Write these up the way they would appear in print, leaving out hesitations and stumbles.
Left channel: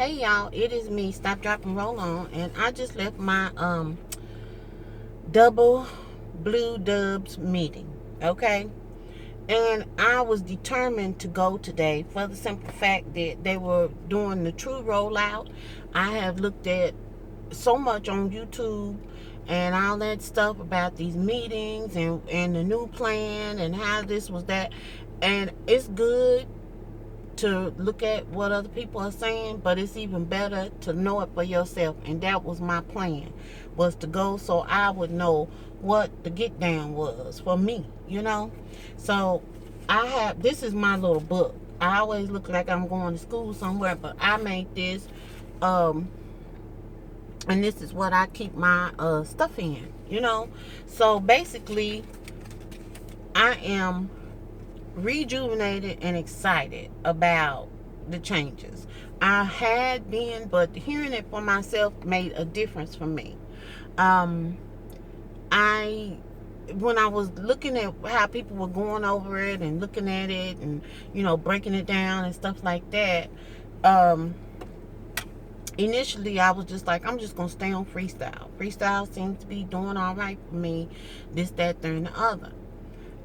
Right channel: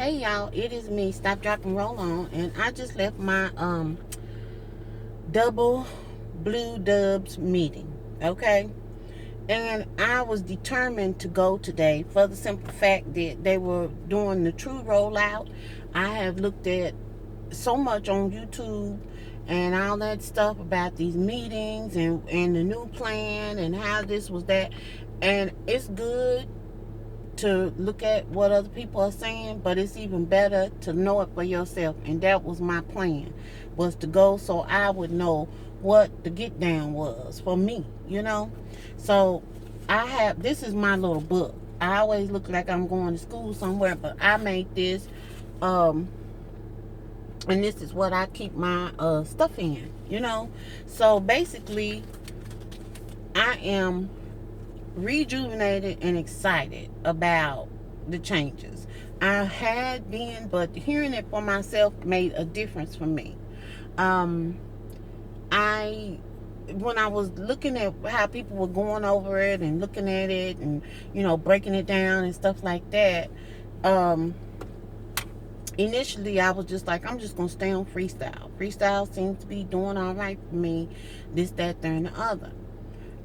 Hey y'all, it is me, Stop, Drop, and Roll On, and I just left my double blue dubs meeting. Okay, and I was determined to go today for the simple fact that they were doing the true rollout. I have looked at so much on YouTube and all that stuff about these meetings and the new plan and how this was that, and it's good to look at what other people are saying, but it's even better to know it for yourself. And that was my plan, was to go so I would know what the get down was for me. So I have, this is my little book. I always look like I'm going to school somewhere, but I made this, um, and this is what I keep my stuff in. So basically, I am rejuvenated and excited about the changes. I had been, but hearing it for myself made a difference for me. Um, I when I was looking at how people were going over it and looking at it and breaking it down and stuff like that, um, initially I was just like, I'm just gonna stay on freestyle. Freestyle seems to be doing all right for me. This, that, there, and the other.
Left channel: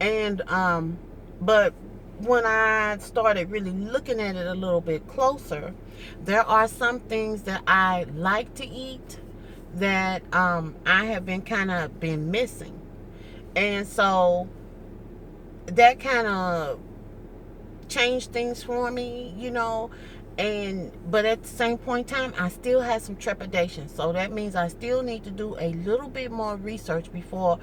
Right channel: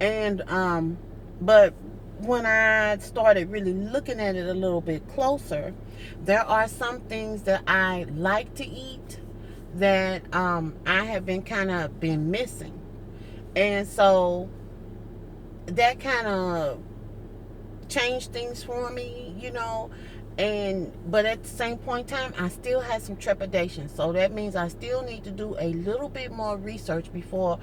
And but when I started really looking at it a little bit closer, there are some things that I like to eat that I have been kind of been missing. And so that kind of changed things for me. And but at the same point in time, I still had some trepidation. So that means I still need to do a little bit more research before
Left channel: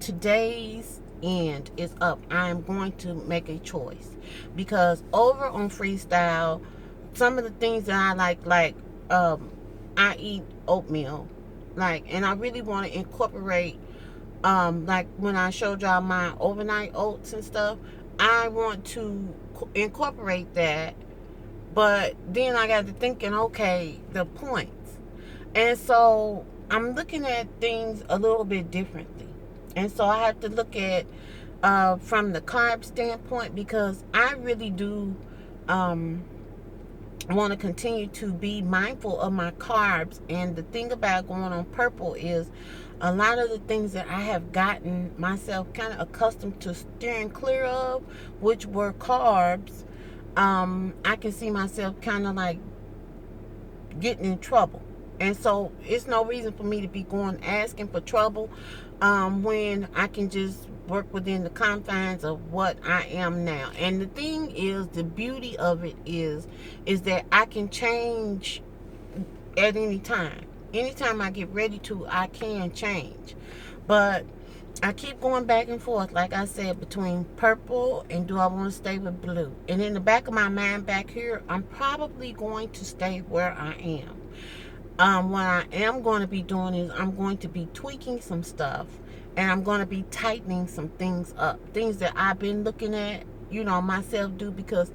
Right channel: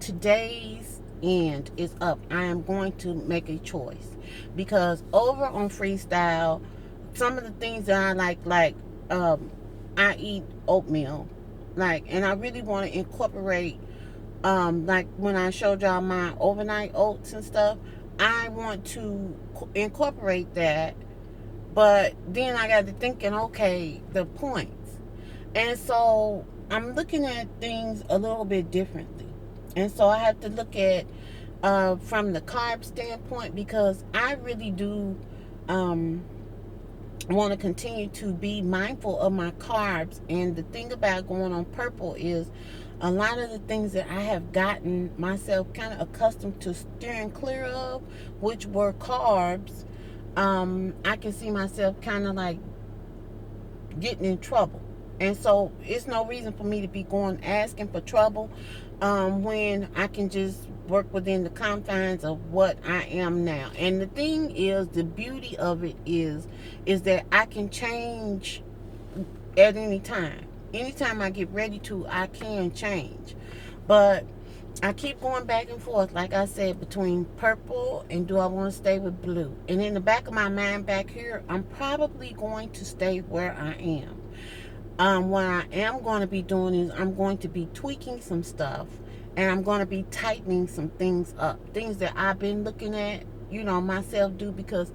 today's end is up. I am going to make a choice, because over on freestyle, some of the things that I like I eat oatmeal, and I really want to incorporate, like when I showed y'all my overnight oats and stuff, I want to incorporate that. But then I got to thinking, okay, the points. And so I'm looking at things a little bit differently. And so I have to look at, from the carb standpoint, because I really do want to continue to be mindful of my carbs. And the thing about going on purple is a lot of the things that I have gotten myself kind of accustomed to steering clear of, which were carbs, I can see myself kind of like getting in trouble. And so it's no reason for me to be going asking for trouble, when I can just work within the confines of what I am now. And the thing is, the beauty of it is that I can change at any time. Anytime I get ready to, I can change. But I keep going back and forth, like I said, between purple and do I want to stay with blue. And in the back of my mind back here, I'm probably going to stay where I am. What I am going to be doing is I'm going to be tweaking some stuff, and I'm going to be tightening some things up. Things that I've been looking at, myself do, because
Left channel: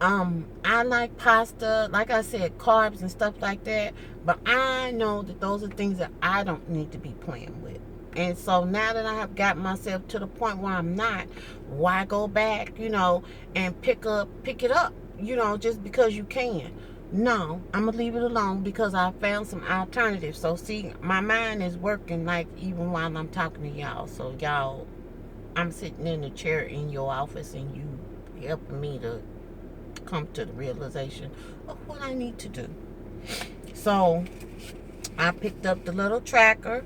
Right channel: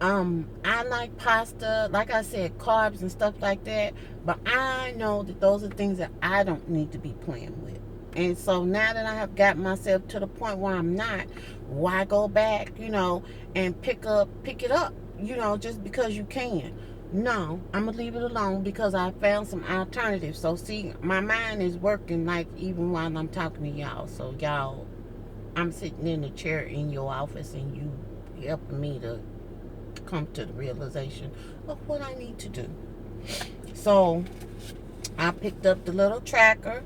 I like pasta, like I said, carbs and stuff like that. But I know that those are things that I don't need to be playing with. And so now that I have got myself to the point where I'm not, why go back, and pick it up, just because you can. No, I'm gonna leave it alone, because I found some alternatives. So see, my mind is working, like, even while I'm talking to y'all. So y'all, I'm sitting in the chair in your office, and you helping me to come to the realization of what I need to do. So I picked up the little tracker.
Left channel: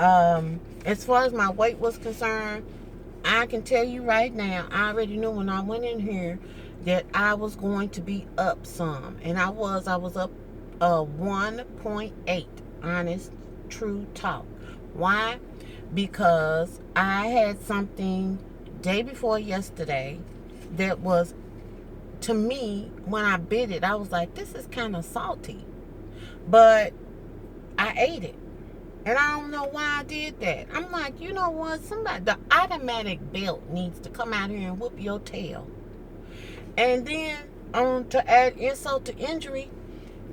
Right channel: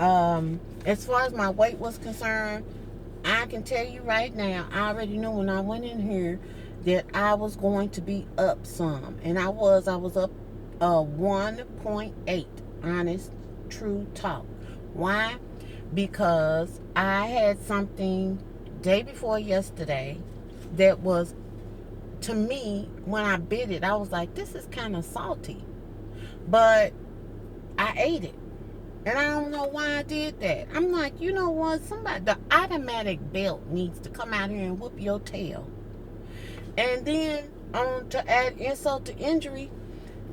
As far as my weight was concerned, I can tell you right now, I already knew when I went in here that I was going to be up some. And I was up 1.8. Honest, true talk. Why? Because I had something day before yesterday that was, to me, when I bit it, I was like, this is kind of salty. But I ate it. And I don't know why I did that. I'm like, you know what? The automatic belt needs to come out here and whoop your tail. And then, to add insult to injury,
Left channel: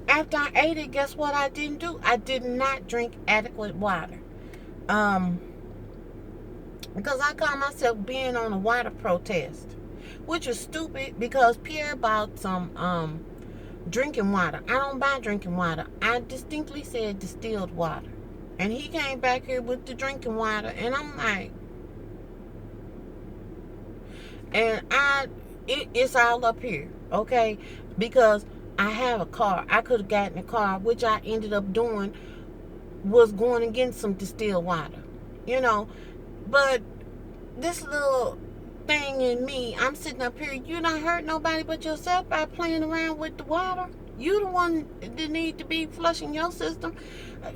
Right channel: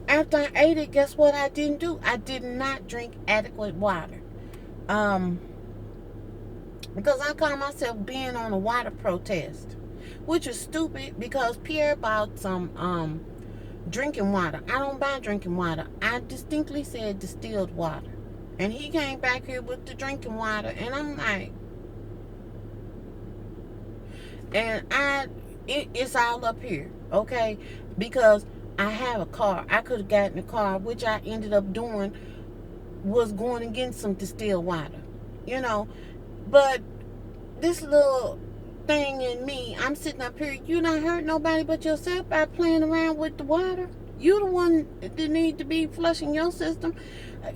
after I ate it, guess what I didn't do? I did not drink adequate water. Because I call myself being on a water protest, which is stupid, because Pierre bought some drinking water. I don't buy drinking water. I distinctly said distilled water. And he came back here with the drinking water, and I'm like, and it's all up here, okay? Because I have a car. I could have gotten a car, which I ended up doing, was going and getting some distilled water, you know. But this little thing in me, I'm sitting up here, you not hurt nobody but yourself by playing around with the water. You the one that need to be flushing your system.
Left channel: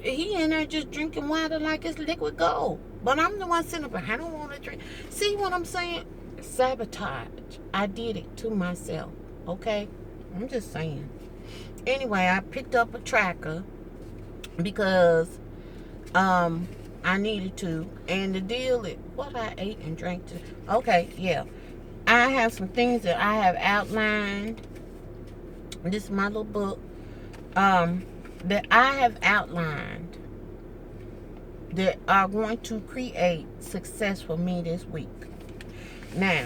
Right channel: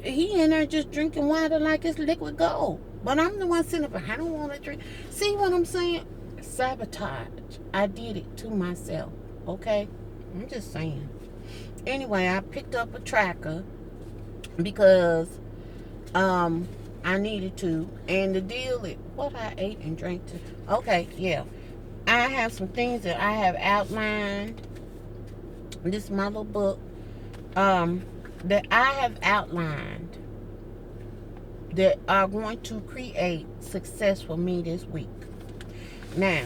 He in there just drinking water like it's liquid gold. But I'm the one sitting up, I don't want to drink. See what I'm saying? Sabotage. I did it to myself. Okay? I'm just saying. Anyway, I picked up a tracker because I needed to. And the deal is what I ate and drank to. Okay, yeah. I have some things that I have outlined. This is my little book. That I have outlined that are going to create success for me this week. Now,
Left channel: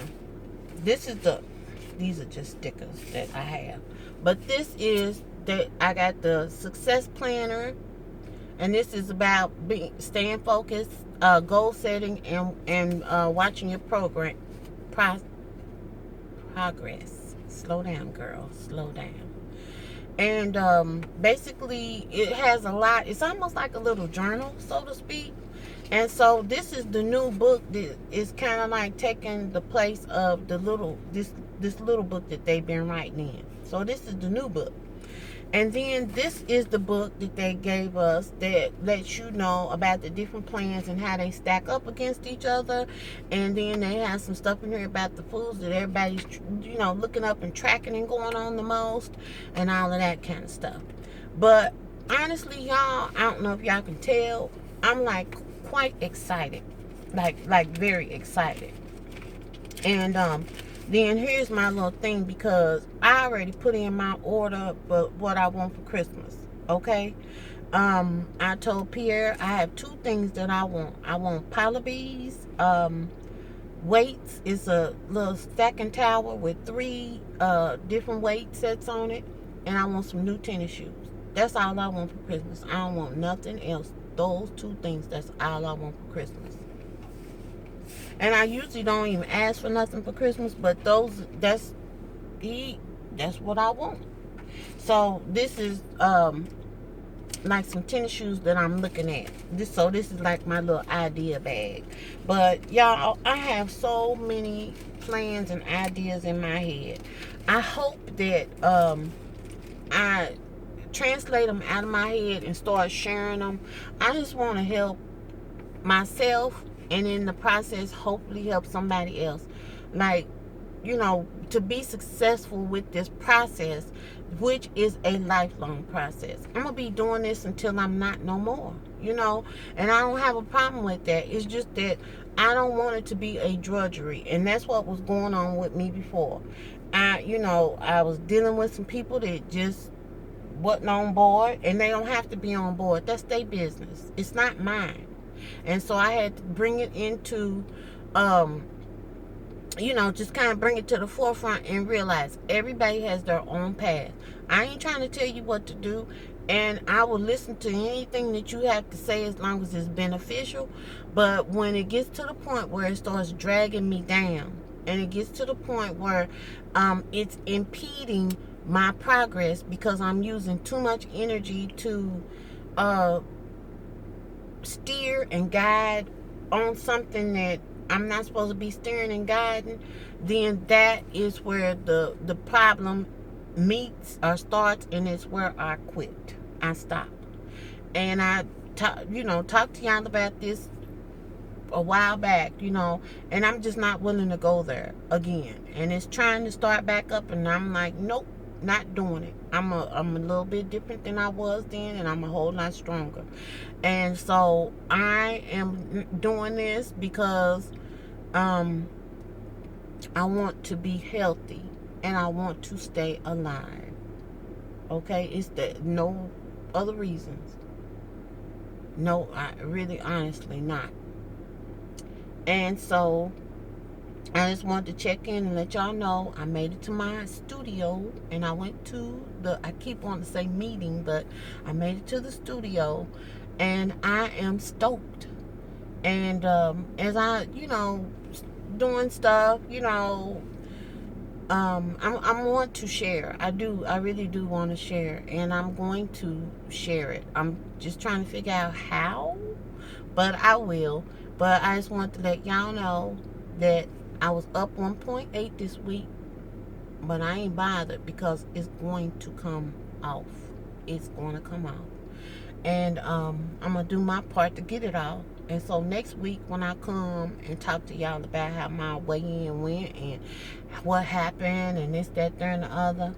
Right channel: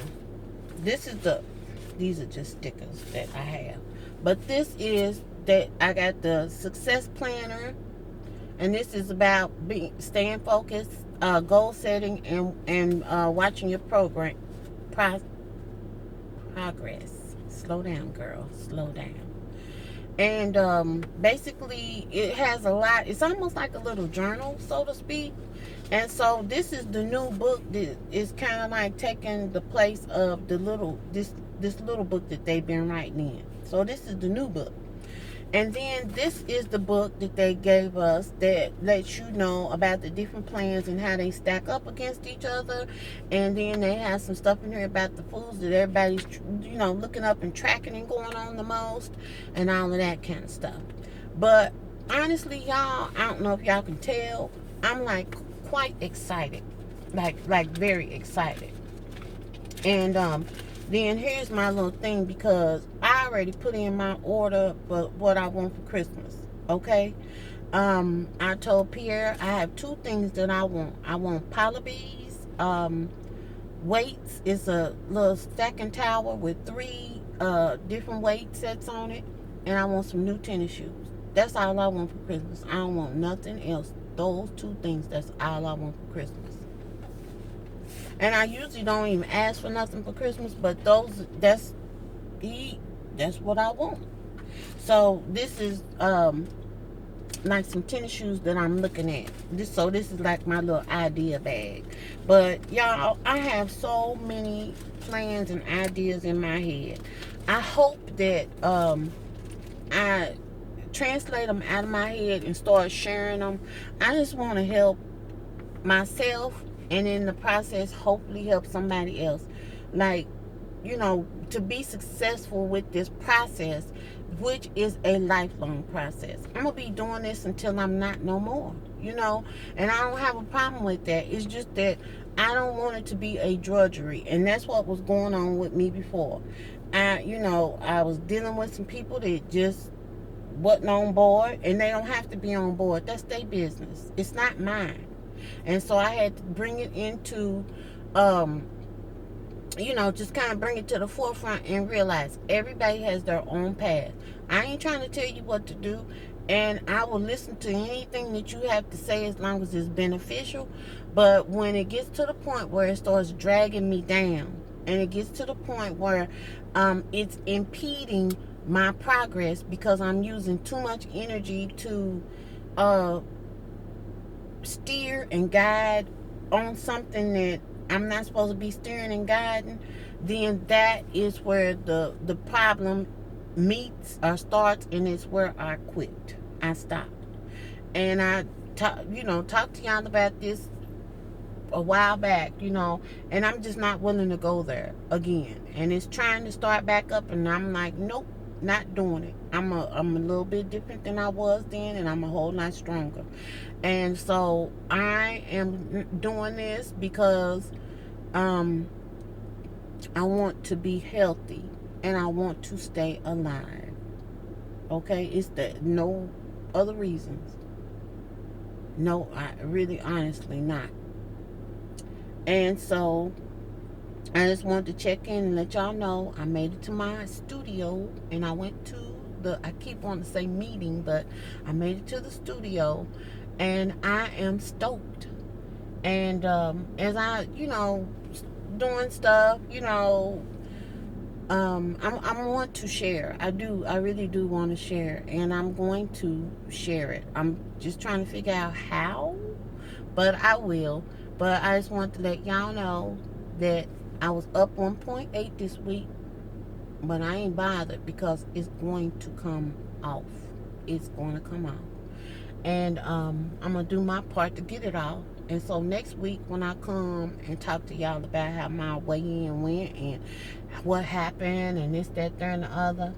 these are just stickers that I have. But this is that I got the success planner, and this is about staying focused, goal setting, and watching your progress. Slow down, girl. Slow down. And basically, it has a lot. It's almost like a little journal, so to speak. And so this is the new book that is kind of like taking the place of the this little book that they've been writing in. So this is the new book. And then this is the book that they gave us that lets you know about the different plans and how they stack up against each other. And then they have some stuff in here about the foods that everybody's, looking up and tracking and going on the most and all of that kind of stuff. But honestly, y'all, I don't know if y'all can tell, I'm like quite excited, like very excited. And then here's my little thing, because I already put in my order for what I want for Christmas. Okay. I told Pierre I have two things that I want. I want Polibees weights. It's a little stacking tower with 3 different weight sets on it, and I want some new tennis shoes. That's all I want for Christmas. I don't want nothing else. Those 2 things, that's all I want for Christmas. And I usually don't even ask for nothing for Christmas, but that's what I want. So this is like some tennis shoes that I'm looking at. This is like my little idea bag. But y'all, I have so many plans and ideas in my head. I hope that I translate them out of my head and start sharing them. I just want to help myself, and in the process hopefully help somebody else, like, to be successful with this process, which is a lifelong process. I'm gonna be doing this until I'm not no more, and I don't have a problem with that. It's just that I don't want it to be a drudgery, and that's what was going on with me before. I was dealing with some people that just wasn't on board, and they don't have to be on board. That's their business. It's not mine. And so I had to bring it into, just kind of bring it to the forefront and realize everybody has their own path. I ain't trying to tell you what to do, and I will listen to anything that you have to say as long as it's beneficial. But when it gets to the point where it starts dragging me down, and it gets to the point where it's impeding my progress because I'm using too much energy to steer and guide on something that I'm not supposed to be steering and guiding, then that is where the problem meets or starts, and it's where I quit. I stopped. And I talked to y'all about this a while back, and I'm just not willing to go there again. And it's trying to start back up, and I'm like, nope, not doing it. I'm a little bit different than I was then, and I'm a whole lot stronger. And so I am doing this because I want to be healthy, and I want to stay alive. Okay, it's no other reasons. No, I really honestly not. And so I just wanted to check in and let y'all know I made it to my studio, and I went to I keep wanting to say meeting, but I made it to the studio, and I am stoked. And as I, doing stuff, I want to share. I really do want to share, and I'm going to share it. I'm just trying to figure out how, but I will. But I just want to let y'all know that I was up 1.8 this week, but I ain't bothered because it's going to come off. It's going to come off. And I'm going to do my part to get it off. And so next week when I come and talk to y'all about how my weigh-in went and what happened and this, that, there, and the other,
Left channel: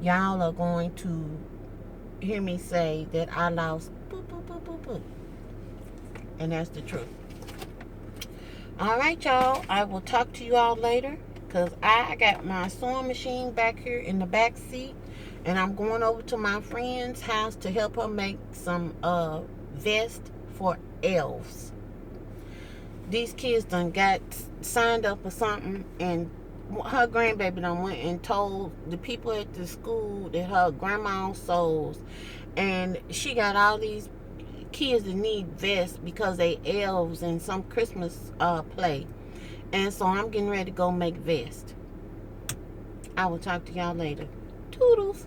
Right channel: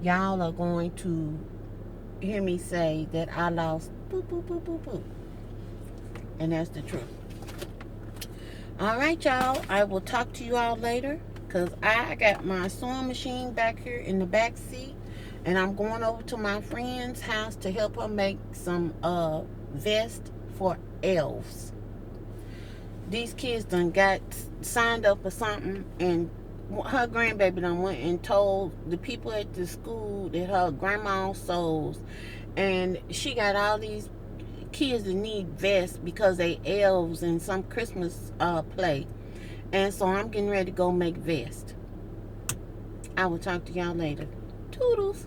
y'all are going to hear me say that I lost boop, boop, boop, boop, boop. And that's the truth. All right, y'all. I will talk to you all later because I got my sewing machine back here in the back seat, and I'm going over to my friend's house to help her make some vest for elves. These kids done got signed up for something, and her grandbaby done went and told the people at the school that her grandma sews, and she got all these kids that need vests because they elves in some Christmas play. And so I'm getting ready to go make vests. I will talk to y'all later. Toodles.